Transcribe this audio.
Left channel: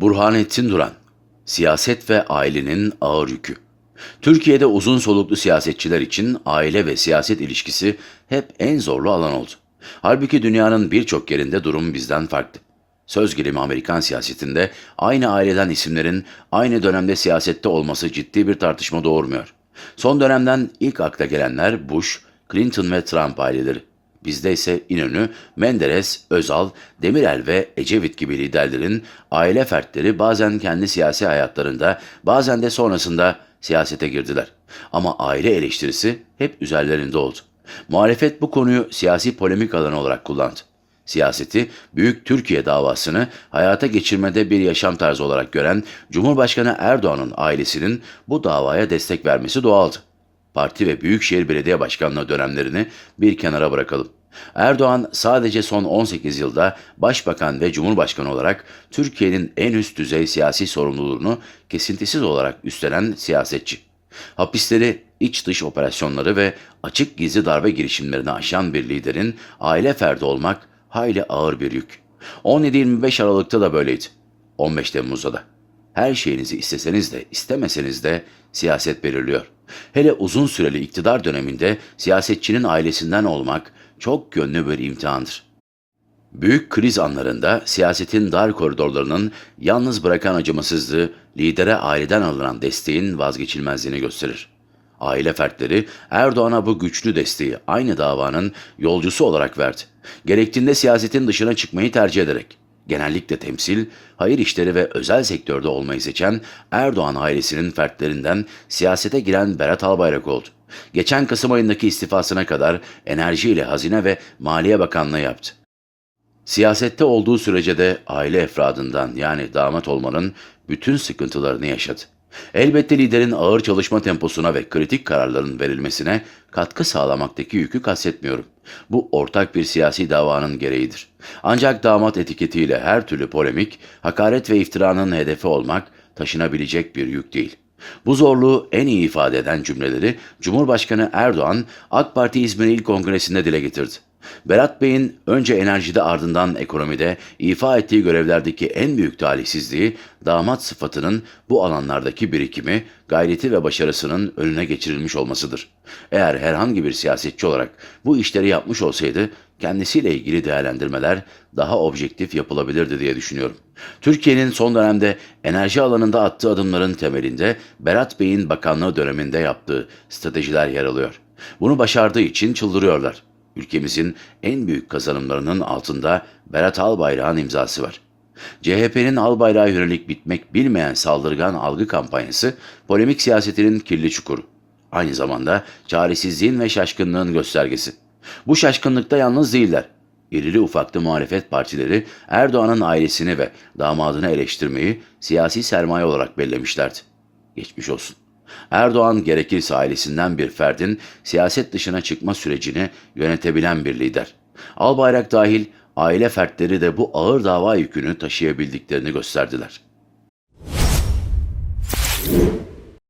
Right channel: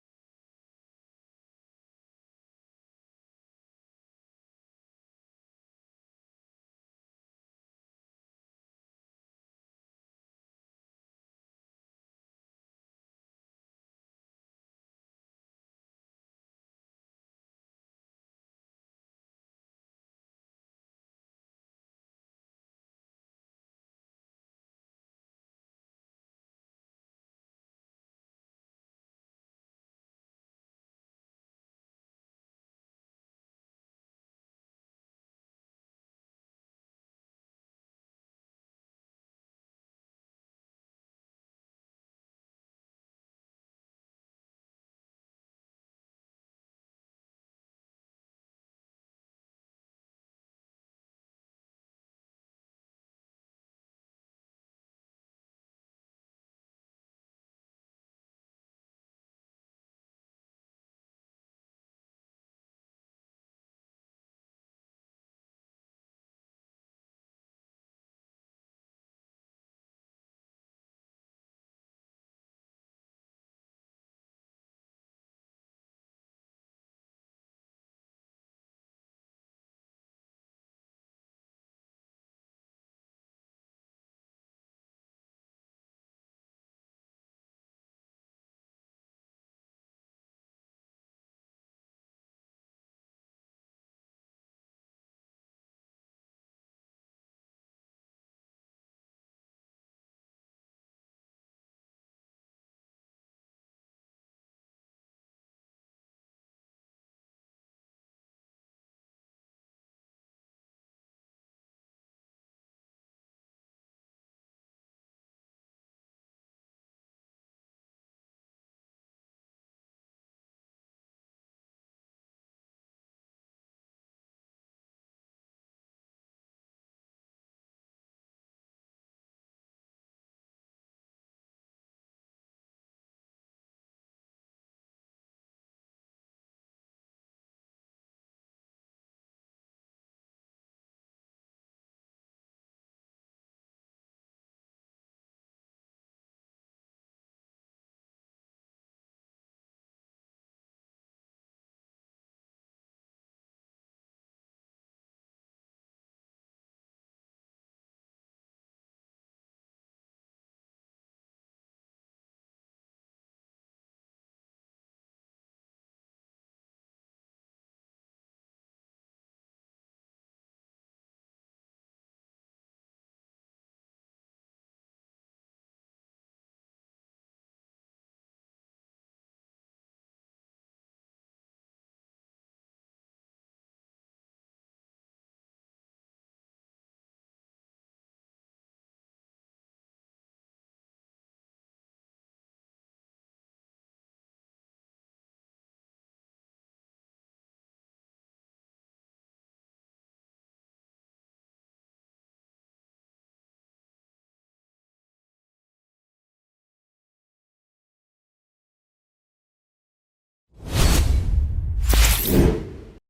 Burhanettin Duran, Siyaset ve Ailenin Ağır Yükü. Türkiye'de uzun soluklu siyasetçiler için aile ve siyaset ilişkisi hep en zorlu alan oldu. Halbuki dünyanın birçok yerinde durum bizden farklı. Söz gelimi Amerikan siyasetinde aynı aileden isimlerin aynı dönemde siyasette olması ciddi bir tartışma doğurmuyor. Son dönemden ilk akla gelenler Bush, Clinton ve Trump aileleri. Bizde ise İnönü, Menderes, Özal, Demirel ve Ecevit gibi liderlerin aile fertleri bazen kendi siyasi hayatlarında, bazen de sonrasında siyasete girdiler. Ama aile eleştirisi hep üzerlerinde oldu. Muhalefet bu konuyu siyasi polemik alanı olarak kullandı. Siyaseti, Büyük Türkiye davasını hayata geçirmede bir yaşam tarzı olarak gören Cumhurbaşkanı Erdoğan'ın ailesinin bu davaya destek vermesi doğaldı parti ve büyükşehir belediye başkanlığı dönemlerini bir kenara bırakalım. Erdoğan sadece son 18 yılda başbakan ve cumhurbaşkanı olarak Türkiye'nin en üst düzey siyasi sorumluluğunu kesintisiz olarak üstlenen siyasetçi. Hapisleri, iç dış operasyonları ve açık gizli darbe girişimlerini aşan bir liderin aile ferdi olmak hayli ağır bir yük. 17-25 Aralık'ta da böyleydi. 15 Temmuz'da da. Her şeyinizi isteseniz de istemeseniz de siyaset belirliyor. Hele uzun süreli iktidar döneminde siyasetçinin ailesinden olmak çok yönlü bir imtihandır. Büyük kriz anlarında siyasetin dar koridorlarının yalnız bırakan acımasızlığı lidere aileden alınan desteğin vazgeçilmezliğini gösterir. Aile fertleri Erdoğan'a bu güçlü desteği aynı davanın yolcusu olarak verdi. Gerektiğinde siyasetin dışına çıkmayı tercih ederek genellikle temsil, hayır işleri ve özel sektörde olmayı seçen Erdoğan ailesinin fertlerinden siyasete giren Berat Albayrak oldu. Geçen Kasım ayındaki istifasına kadar enerjiyle Hazine ve Maliye Bakanlığı yaptı. Siyasette olduğu sürece de aile efradından yani damat olmanın bütün sıkıntılarını yaşadı. Elbette liderin ağır çalışma temposuna ve kritik kararların verilmesine katkı sağlamaktaki yükü kastetmiyorum. Bu ortak bir siyasi davanın gereğidir. Ancak damat etiketiyle her türlü polemik, hakaret ve iftiranın hedefi olmak taşınabilecek bir yük değil. Bu zorluğu en iyi ifade eden cümleleri Cumhurbaşkanı Erdoğan AK Parti İzmir İl Kongresi'nde dile getirdi. Berat Bey'in önce enerjide ardından ekonomide ifa ettiği görevlerdeki en büyük talihsizliği damat sıfatının bu alanlardaki birikimi, gayreti ve başarısının önüne geçirilmiş olmasıdır. Eğer herhangi bir siyasetçi olarak bu işleri yapmış olsaydı kendisiyle ilgili değerlendirmeler daha objektif yapılabilirdi diye düşünüyorum. Türkiye'nin son dönemde enerji alanında attığı adımların temelinde Berat Bey'in bakanlığı döneminde yaptığı stratejiler yer alıyor. Bunu başardığı için çıldırıyorlar. Ülkemizin en büyük kazanımlarının altında Berat Albayrak'ın imzası var. CHP'nin Albayrak'a yönelik bitmek bilmeyen saldırgan algı kampanyası polemik siyasetinin kirli çukuru. Aynı zamanda çaresizliğin ve şaşkınlığın göstergesi. Bu şaşkınlıkta yalnız değiller. İrili ufaklı muhalefet partileri Erdoğan'ın ailesini ve damadını eleştirmeyi siyasi sermaye olarak bellemişlerdi. Geçmiş olsun. Erdoğan gerekirse ailesinden bir ferdin siyaset dışına çıkma sürecini yönetebilen bir lider. Albayrak dahil aile fertleri de bu ağır dava yükünü taşıyabildiklerini gösterdiler.